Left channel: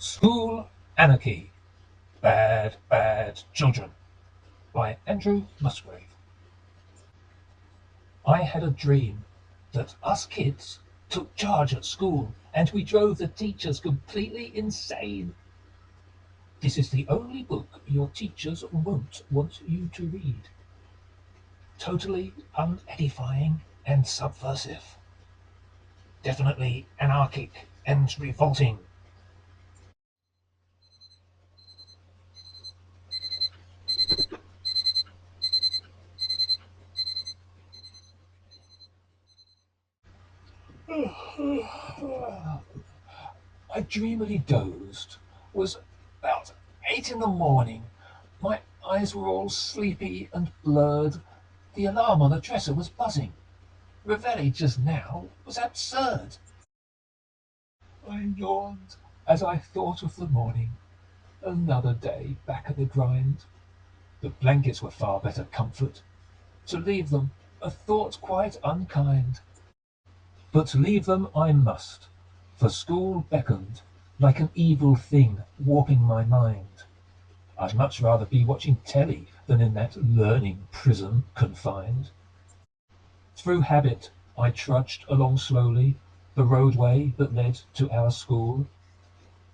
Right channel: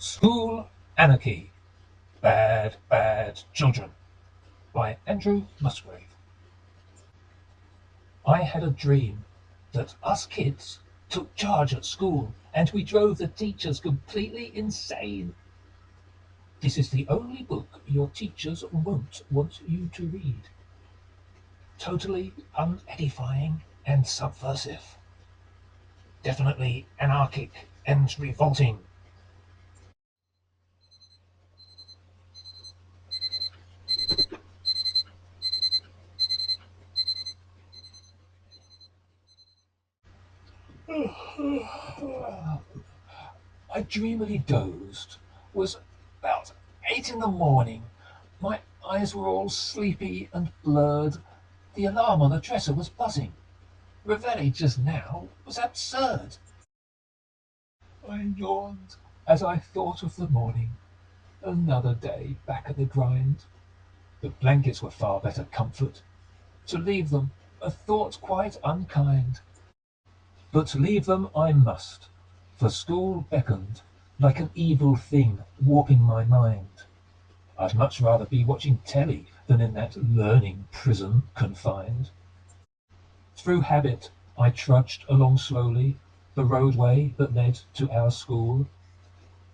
School Anarchy, Bad, Bad Children by Andrew Musgrave. I had a dream that us kids took charge at school and we drove the teachers completely insane. This is the only book your teachers won't want you to read. Totally unedifying and subversive. Definitely anarchic and revolting. I dreamily dozed. Was about 8 in the morning. My eyes were all sleepy and blurred. The alarm on the dresser was buzzing. Reveille just now was absurd. I yawned as I thought of the morning. Another day back at the grind. The blankets were far better comfort. To leave them, a thought quite unkind. But leave them I must, for school beckoned, like an evil thing warping my mind. I'd much rather be watching telly than in that learning prison confined. Through habit I trudged along slowly the roadway that led to our school,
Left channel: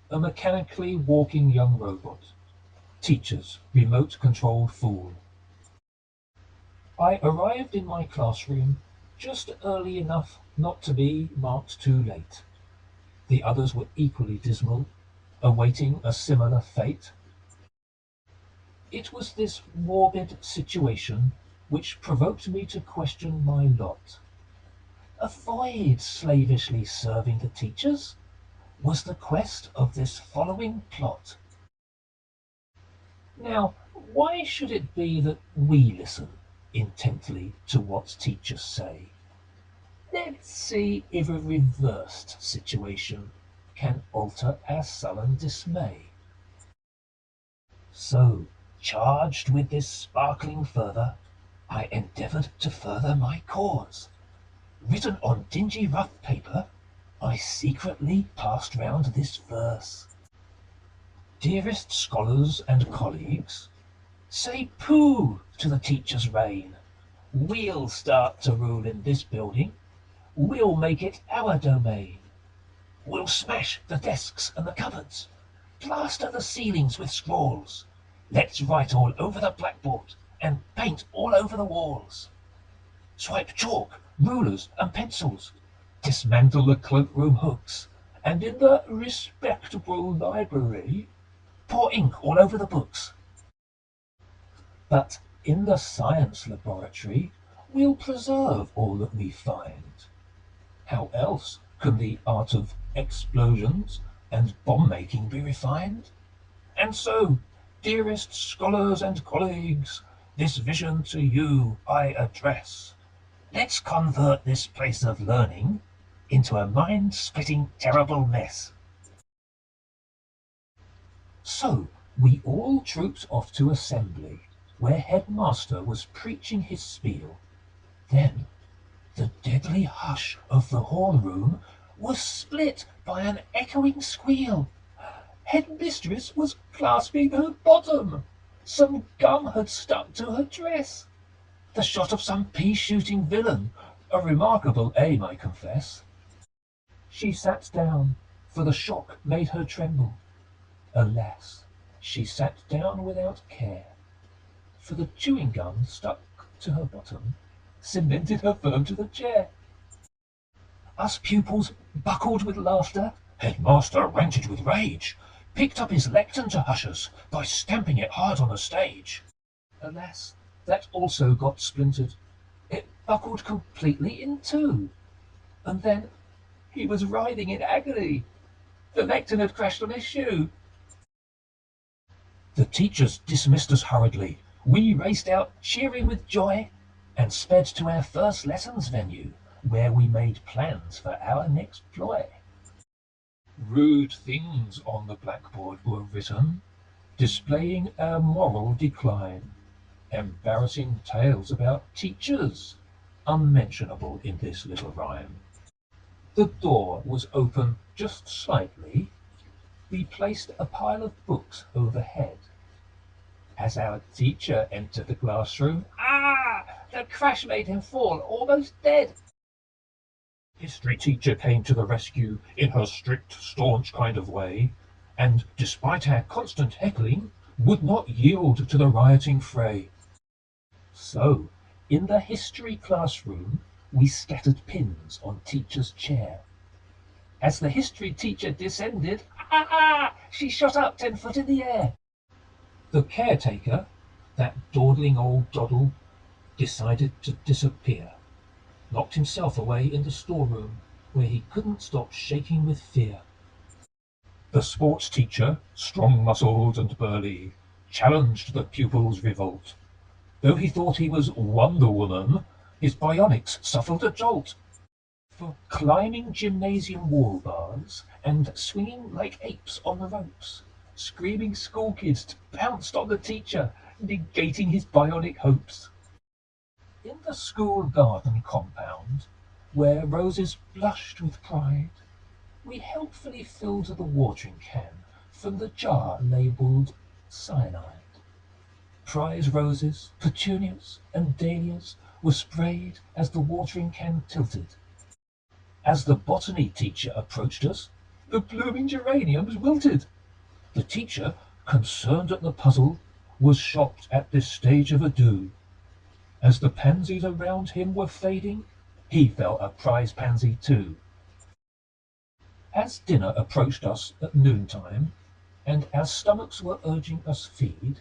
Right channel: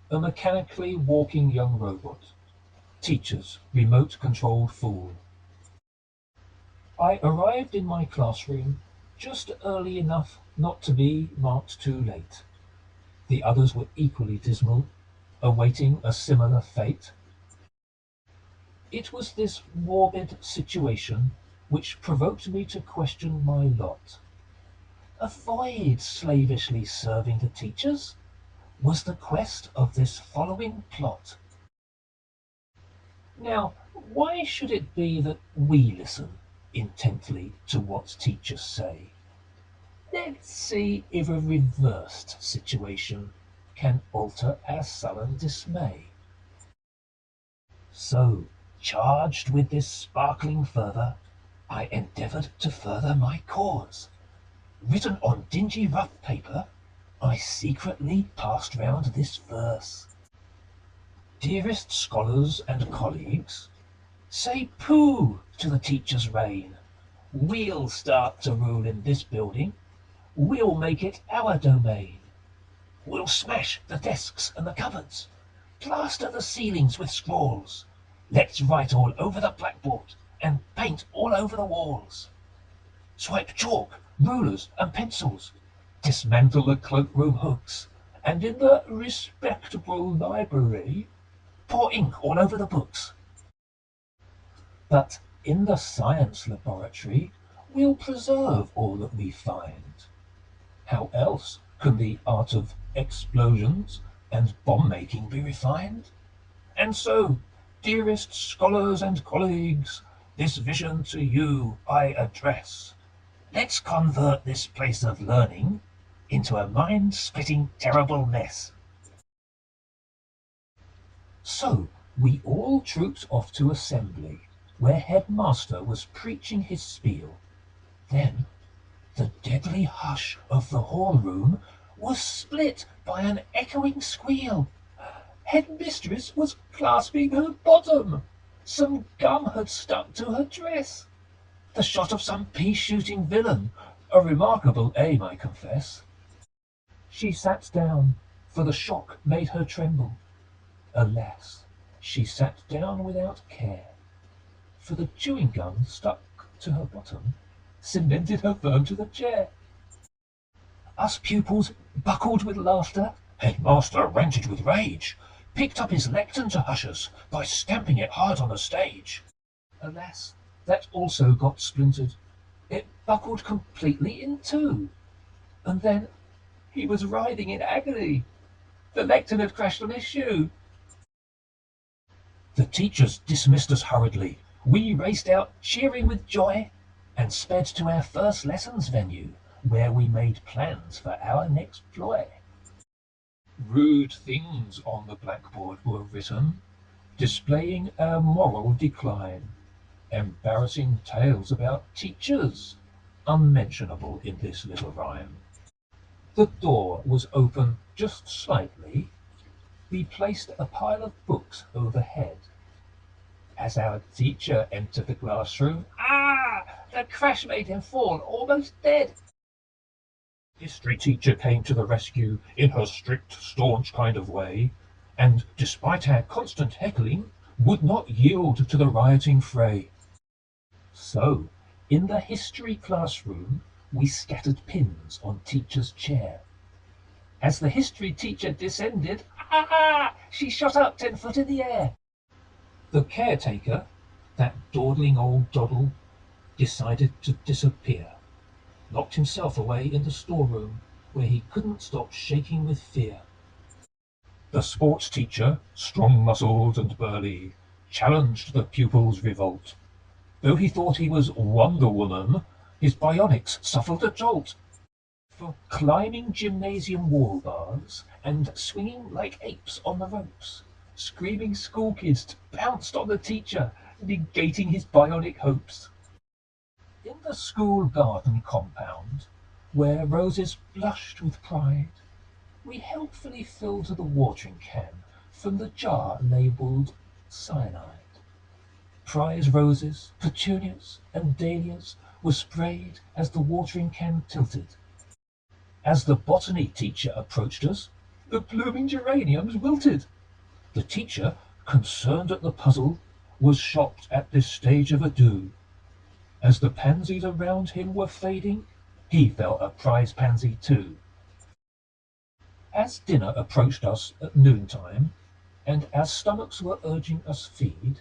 a mechanically walking young robot, teacher's remote-controlled fool. I arrived in my classroom just early enough not to be marked too late. The others were equally dismal, awaiting a similar fate. It was this morbid situation which provoked me to question my lot. Avoid slavishly serving the teachers was the quest of this following plot. Now, why should it be that we listen intently to what teachers say? Let's see if a reversed situation can alter our sullen dismay. So, charged with this sparkling fervour, I endeavoured to further my cause. Written on dingy rough paper, I secretly passed round this verse. Dearest scholars and colleagues, say pooh to the teacher's reign. We'll start to rule in this building. We'll make it our domain. We'll smash the desks and the cupboards, plaster the ceilings with scrawls. Let's write all over the blackboard and paint all over the walls. Swipe chalk, rulers and pencils, dismantle the cloakroom hooks, and in the respectable library, pour ink all over the books. But in the science laboratory, we'll preserve all that we find. How else can the art of explosions and bomb-making be refined? And so, dearest scholars and colleagues, this vision to you I address. Let's convert this place of learning into a mind-splitting terrible mess. So, we all trooped off to assembly, where headmaster was preaching his spiel. Then the deadly hush of the hall room was split by an echoing squeal. Headmistress was clasping her bottom. Some gum had stuck to her dress. The shot of some pea-shooting villain, a remarkable aim, I confess. She sat down, for the shock made her tremble. Alas, she sat down without care, for the chewing gum stuck to her bottom cemented her firm to the chair. Us pupils buckled with laughter. Headmaster ranted with rage, picked up his lectern to hush us by stamping it hard on the stage. Alas, that also got splintered. It buckled completely in two. And then he was writhing in agony. The lectern had crashed on his shoe. The teachers dismissed us hurriedly. We raced out, cheering with joy, and sped to our first lessons venue, where we made plans for our next ploy. Rude things on the blackboard were written, displaying our moral decline. Embarrassing tales about teachers, unmentionable in this little rhyme. The door was open just slightly. we placed a pile of books overhead. As our teacher entered the classroom, the crash made him fall, almost dead. History teacher came to the rescue in her strict, staunch kind of way, and, despite our constant heckling, would not yield to the rioting fray. So, in the history classroom, we scattered pins on teacher's chair. As the history teacher descended, she shot up 10 foot in the air. The caretaker, that dawdling old doddle, decided to disappear, locked himself away in the storeroom, where he couldn't stop shaking with fear. The sports teacher, strong-muscled and burly, challenged the pupils' revolt. Though he thought he was Wonder Woman, his bionics suffered a jolt. For climbing gymnasium wall bars and swinging like apes on the ropes, screaming school kids bounced on the teacher, negating his bionic hopes. In the school garden compound, where roses blushed with pride, we helpfully filled the watering can from the jar labelled cyanide. Prize roses, petunias, and dahlias were sprayed as the watering can tilted. As the botany teacher approached us, the blooming geraniums wilted. The teacher, concerned at the puzzle, was shocked at this stage of a do. As the pansies around him were fading, he felt a prize pansy too. As dinner approached us at noontime, and our stomachs were urging us feed,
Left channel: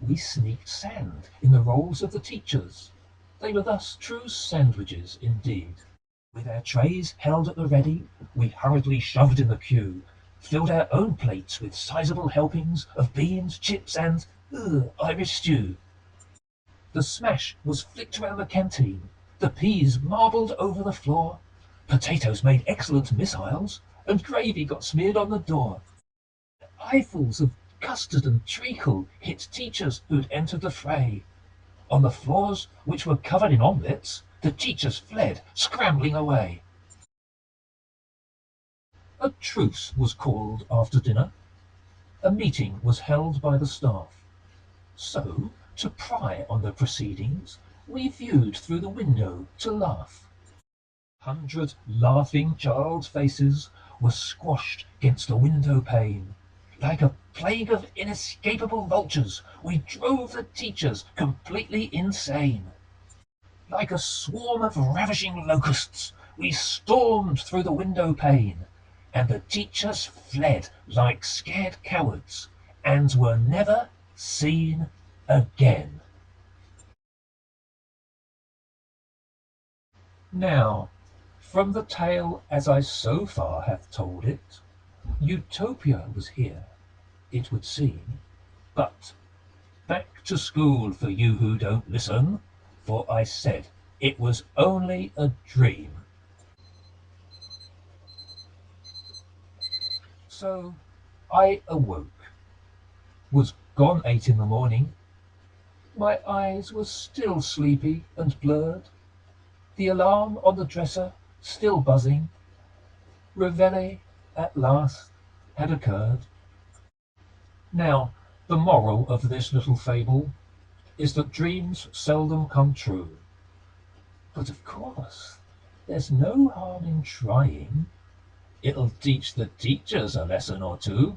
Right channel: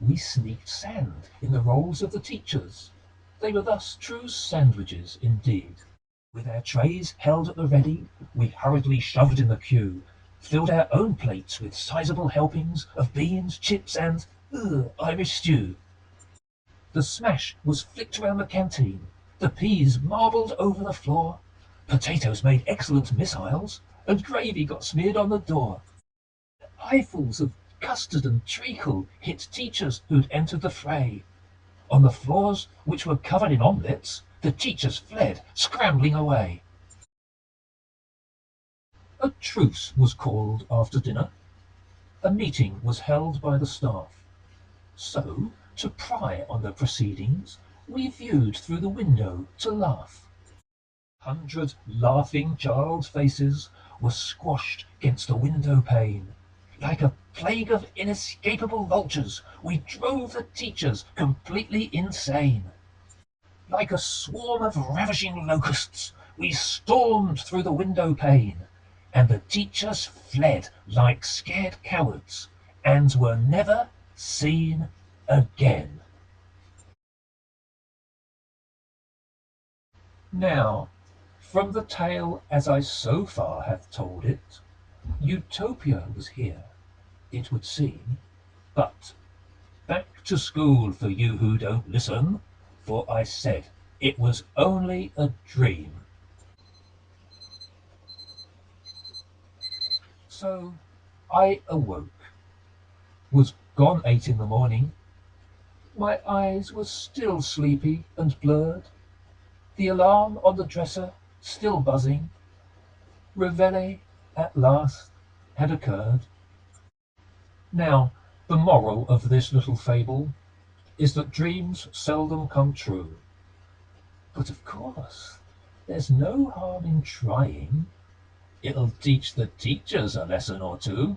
we sneaked sand in the rolls of the teachers. They were thus true sandwiches indeed. With our trays held at the ready, we hurriedly shoved in the queue, filled our own plates with sizable helpings of beans, chips, and Irish stew. The smash was flicked around the canteen, the peas marbled over the floor, potatoes made excellent missiles, and gravy got smeared on the door. Eyefuls of custard and treacle hit teachers who'd entered the fray. On the floors, which were covered in omelettes, the teachers fled, scrambling away. A truce was called after dinner. A meeting was held by the staff. So, to pry on the proceedings, we viewed through the window to laugh. 100 laughing child faces were squashed against the window pane. Like a plague of inescapable vultures, we drove the teachers completely insane. Like a swarm of ravishing locusts, we stormed through the window pane, and the teachers fled like scared cowards, and were never seen again. Now, from the tale as I so far have told it, Utopia was here, it would seem, but back to school for you who don't listen, for I said it was only a dream. So I awoke, was gone 8 in the morning. My eyes were still sleepy and blurred, the alarm on the dresser still buzzing. Reveille at last had occurred. Now, the moral of this little fable is that dreams seldom come true. But of course, there's no harm in trying. It'll teach the teachers a lesson or two.